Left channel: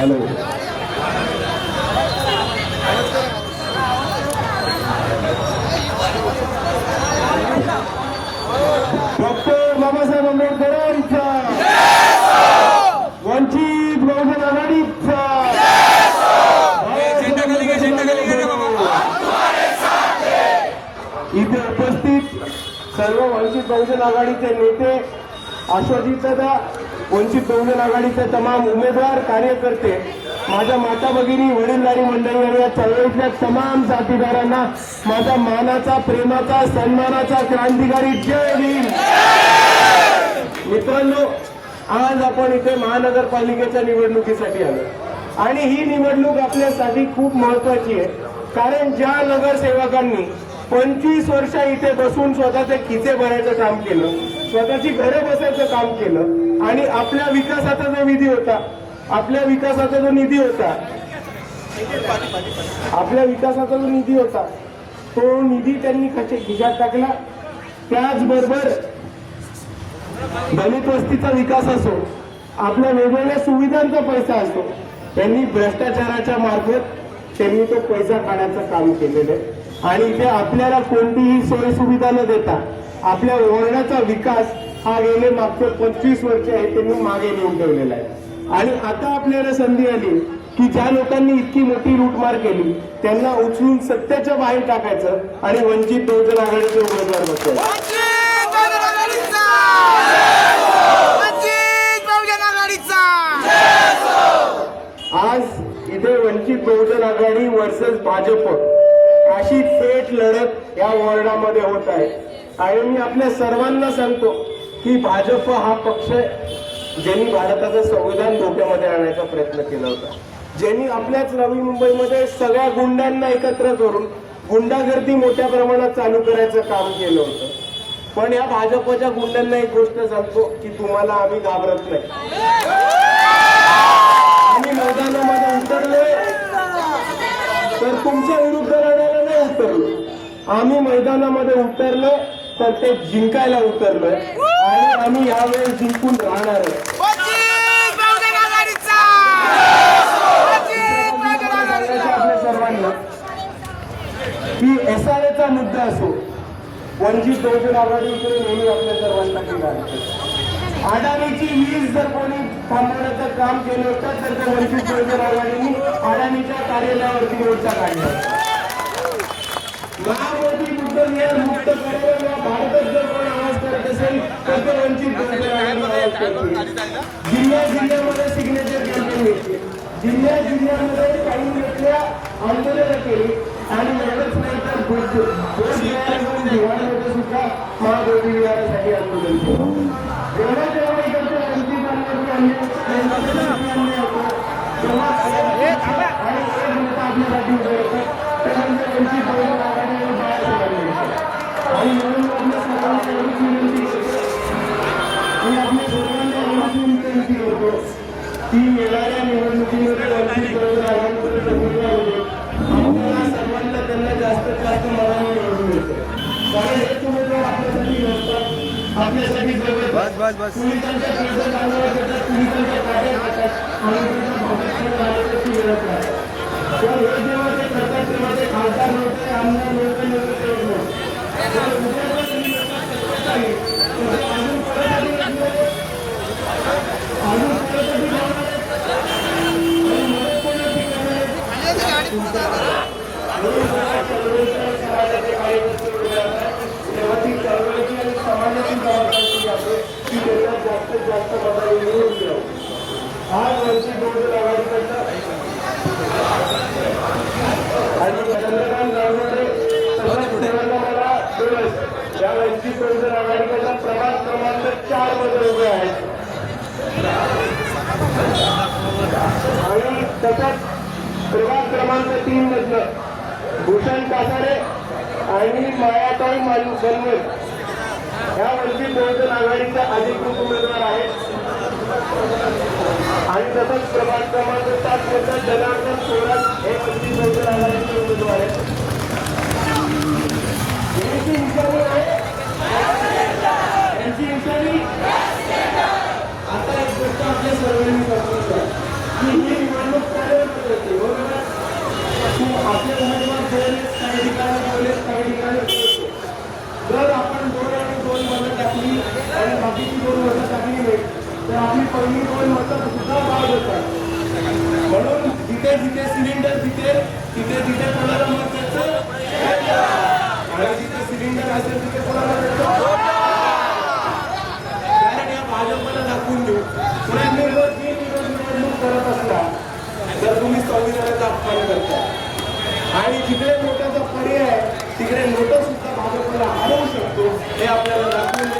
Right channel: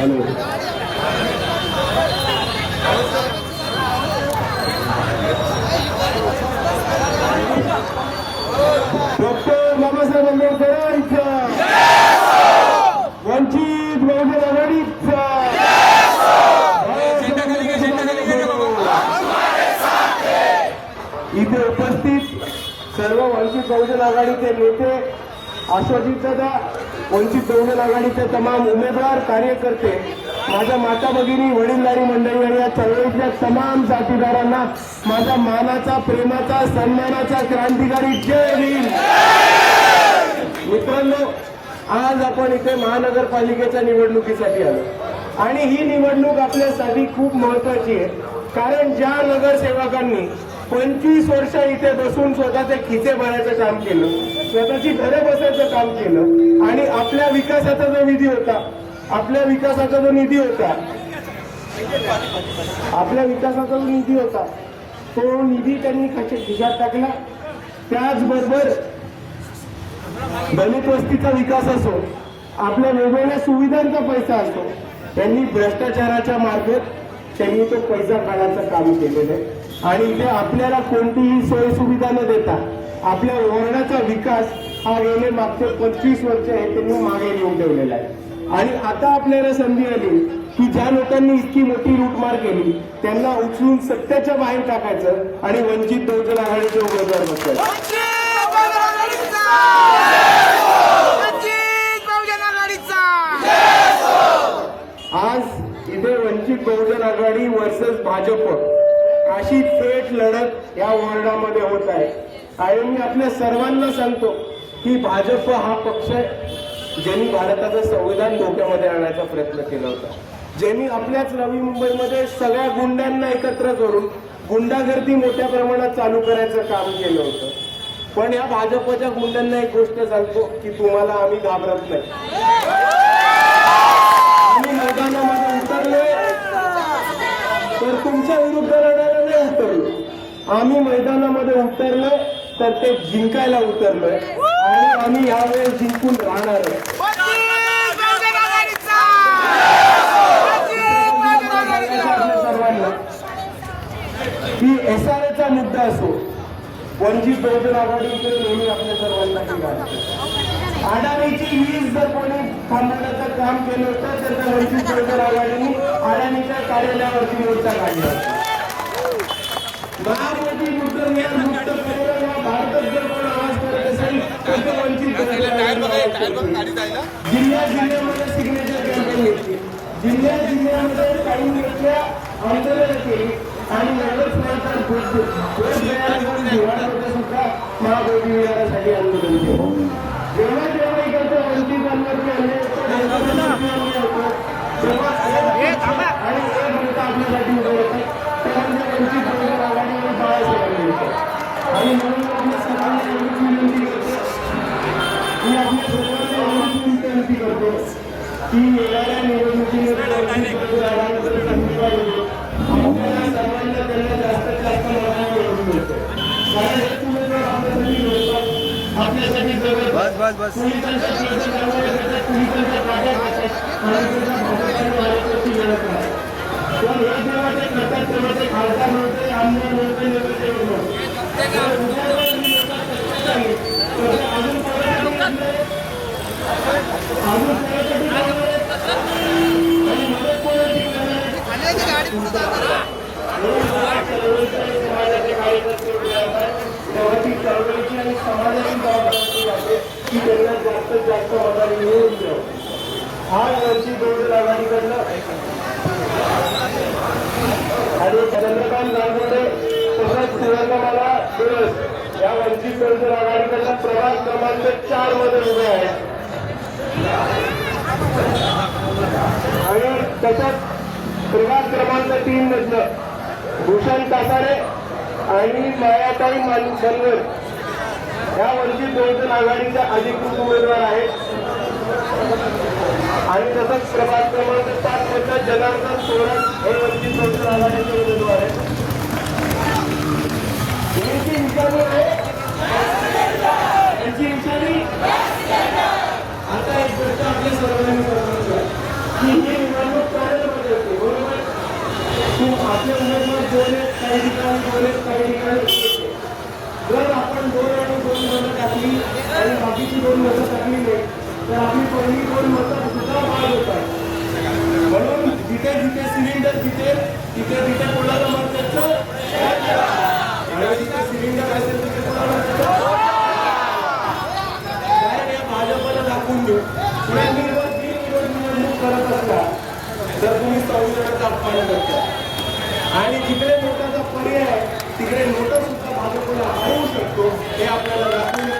Doctor Babasaheb आंबेडकरांचा, वंचित बहुजन आघाडीचा, इथे उपस्थित सर्व वंचित बहुजन आघाडीचे नेते, आशाजीतदादा, वंचित बहुजन आघाडीचे तमाम उमेदवार, कार्यकर्ते, माझ्या माता भगिनी, वडीलधारी मंडळी आणि या चळवळीतल्या तमाम जातीदारांना माझा मानाचा, प्रेमाचा, सन्मानाचा क्रांतिकारी जय भीम. मित्रांनो, आज आपण इथे महानगरपालिकेच्या निवडणुकीसाठी आलो आणि ही निवडणूक आपल्यासाठी खूप महत्वाची आहे. कारण ज्या नगरसेवकांनी 25 वर्ष इथे बसून स्वतःचे खिसे भरायचं काम केलं, स्वतःची घरे बसायचं काम केलं आणि आपल्या विकासाचा जो निधी होता, आपल्या विकासाचा जो निधी होता तो निधी त्यांनी खिशात टाकला. त्याचबरोबर दलित वस्तीचा विकास असो, आपल्या वेगवेगळ्या सुविधांचा पैसा असो, त्यांनी भ्रष्टाचाराच्या मार्फत त्यांनी तो पैसा काढायचं काम केलेलं आहे. आणि इथे आपल्याला कोणतीही सोयी सुविधा न देता आपल्या वॉर्डाचा विकास हा गेले मागचे 25 वर्ष आहे त्यांनी मागे नेऊन ठेवलेला आहे. आणि आता आपल्याला संधी आली की ज्या लोकांनी इतकी मोठी लूटमार केली त्यांना उचलून सत्तेच्या बाहेर टाकायचं आणि वंचित बहुजन आघाडीचे उमेदवार बसवायचे. आज इथे वंचित बहुजन आघाडी वर्सेस भाजप अशी थेट लढत या वॉर्डामध्ये होत आहे. आणि मी आपल्या सर्वांना सांगतो की भाजप हा पक्ष ज्यांनी भारताचं संविधान धोक्यामध्ये आणण्याचा प्रयत्न केला होता, ज्यांनी आपल्याच नवी मुंबईमध्ये सगळ्या गुंडांना एकत्र करून गुंडागर्दी मोठ्या प्रमाणात चालू करायचं काम केलं होतं. पण या भाजपच्या गुंडांना एक गोष्ट सांगतो की तुम्हाला आम्ही घाबरत नाही. आम्ही मैदानामध्ये उतरलोय तर तुमच्या विरुद्ध लढायला नाही उतरलो. आम्ही मैदानामध्ये उतरलोय तर ते जिंकायला उतरलोय आणि आम्ही यावेळेस जिंकून राहणार आहे. आपल्या सर्वांना की SRAचा मुद्दा असो, वंचित बहुजन आघाडीकडे नेहमी आपल्या सर्वांना किंवा अडाणीची वीज जर कोणी थांबवण्याचं काम केलं होतं तर त्या वंचित बहुजन आघाडीने अडाणीच्या कार्यालयावरती मोर्चा काढला. महामोदी मुद्देदार मुक्त करून भारतात जर कोण आवाज करत असेल तर ते वंचित बहुजन आघाडी. जिल्ह्यामध्ये सिग्नेचर कॅम्पेन घेतली, जिल्ह्यामध्ये काही व्यक्ती आंदोलनं केली आणि नगरसेवकांचा सुद्धा महाबोधी विहारासाठी आंदोलन केलं. जेव्हा जेव्हा इकडचं वंचितांवरती आपल्यासाठी उभे होते त्यानंतर वंचित बहुजन आघाडी आणि बाळासाहेब आणि म्हणून आपल्या सर्वांना एवढीच विनंती करतो की आपल्या सर्वांना एवढीच विनंती करतो की येणाऱ्या निवडणुकीमध्ये वंचित बहुजन आघाडीकडे उमेदवार होतो. आपल्याला सर्वांना त्यांना जास्तीत जास्त मतांनी निवडून मिळतं. कारण हेच उमेदवार आपल्यासाठी लढतात, आपल्यासाठी पोलिसांच्या प्रयत्न चालवत येतात, पोलिसांच्या काट्या खातात आणि त्यांच्या भाजपची लढत राहतात. पण हे जेव्हा ते करतात तेव्हा ते खासदार नव्हते, आमदार नव्हते, नगरसेवक नव्हते. अजून चळवळीची आणि समाजाची जबाबदारी आहे की त्याच्यात जास्तीत जास्त मतांनी निवडून दिलं. आज वंचित बहुजन आघाडीकडनं आणि चंद्रकांत गांगुर्डे तसंच शिवसेना दिवस या वंचित बहुजन आघाडीकडनं प्रभाग क्रमांक 4 मध्ये उभे आहेत. आणि तसंच प्रभाग क्रमांक 3 मधलं भूषण कासारे आणि मायाताई बनवल या वंचित बहुजन आघाडीच्या अधिकृत उमेदवार आहेत. आणि तसंच प्रभाग क्रमांक 4 मधलं जनार्दन सोरात हे वंचित बहुजन आघाडीचे उमेदवार आहेत. यांची निशाणी आहे, यांची निशाणी आता एक गोष्ट आपल्या सर्वांनी करतो की ही निवडणूक आपले उमेदवार 2 आहेत, काही ठिकाणी 2 आहेत, काही ठिकाणी 1 आहे. जर आपण 2 आणि 2 मतं टाकली आणि बाकीची 2 मतं टाकली नाही तर आपली पहिली 2 मतं सुद्धा बाद होतात. म्हणून जिथे जिथे सिलेंडर जिथे तिथे तिथे कोणाला मत द्यायचं आणि जिथे सिलेंडर असेल तिथे कोणाला द्यायचं. कारण या भाजपला दाखवून देऊ तुम्ही जर बिनविरोध निवडणूक करत असला तर तुम्ही संविधानाचा अपमान करता आणि जिकडे नोटाचा पर्याय तिकडे नोटा सुद्धा भाजपला हरवू शकतो हे आपल्याला दाखवून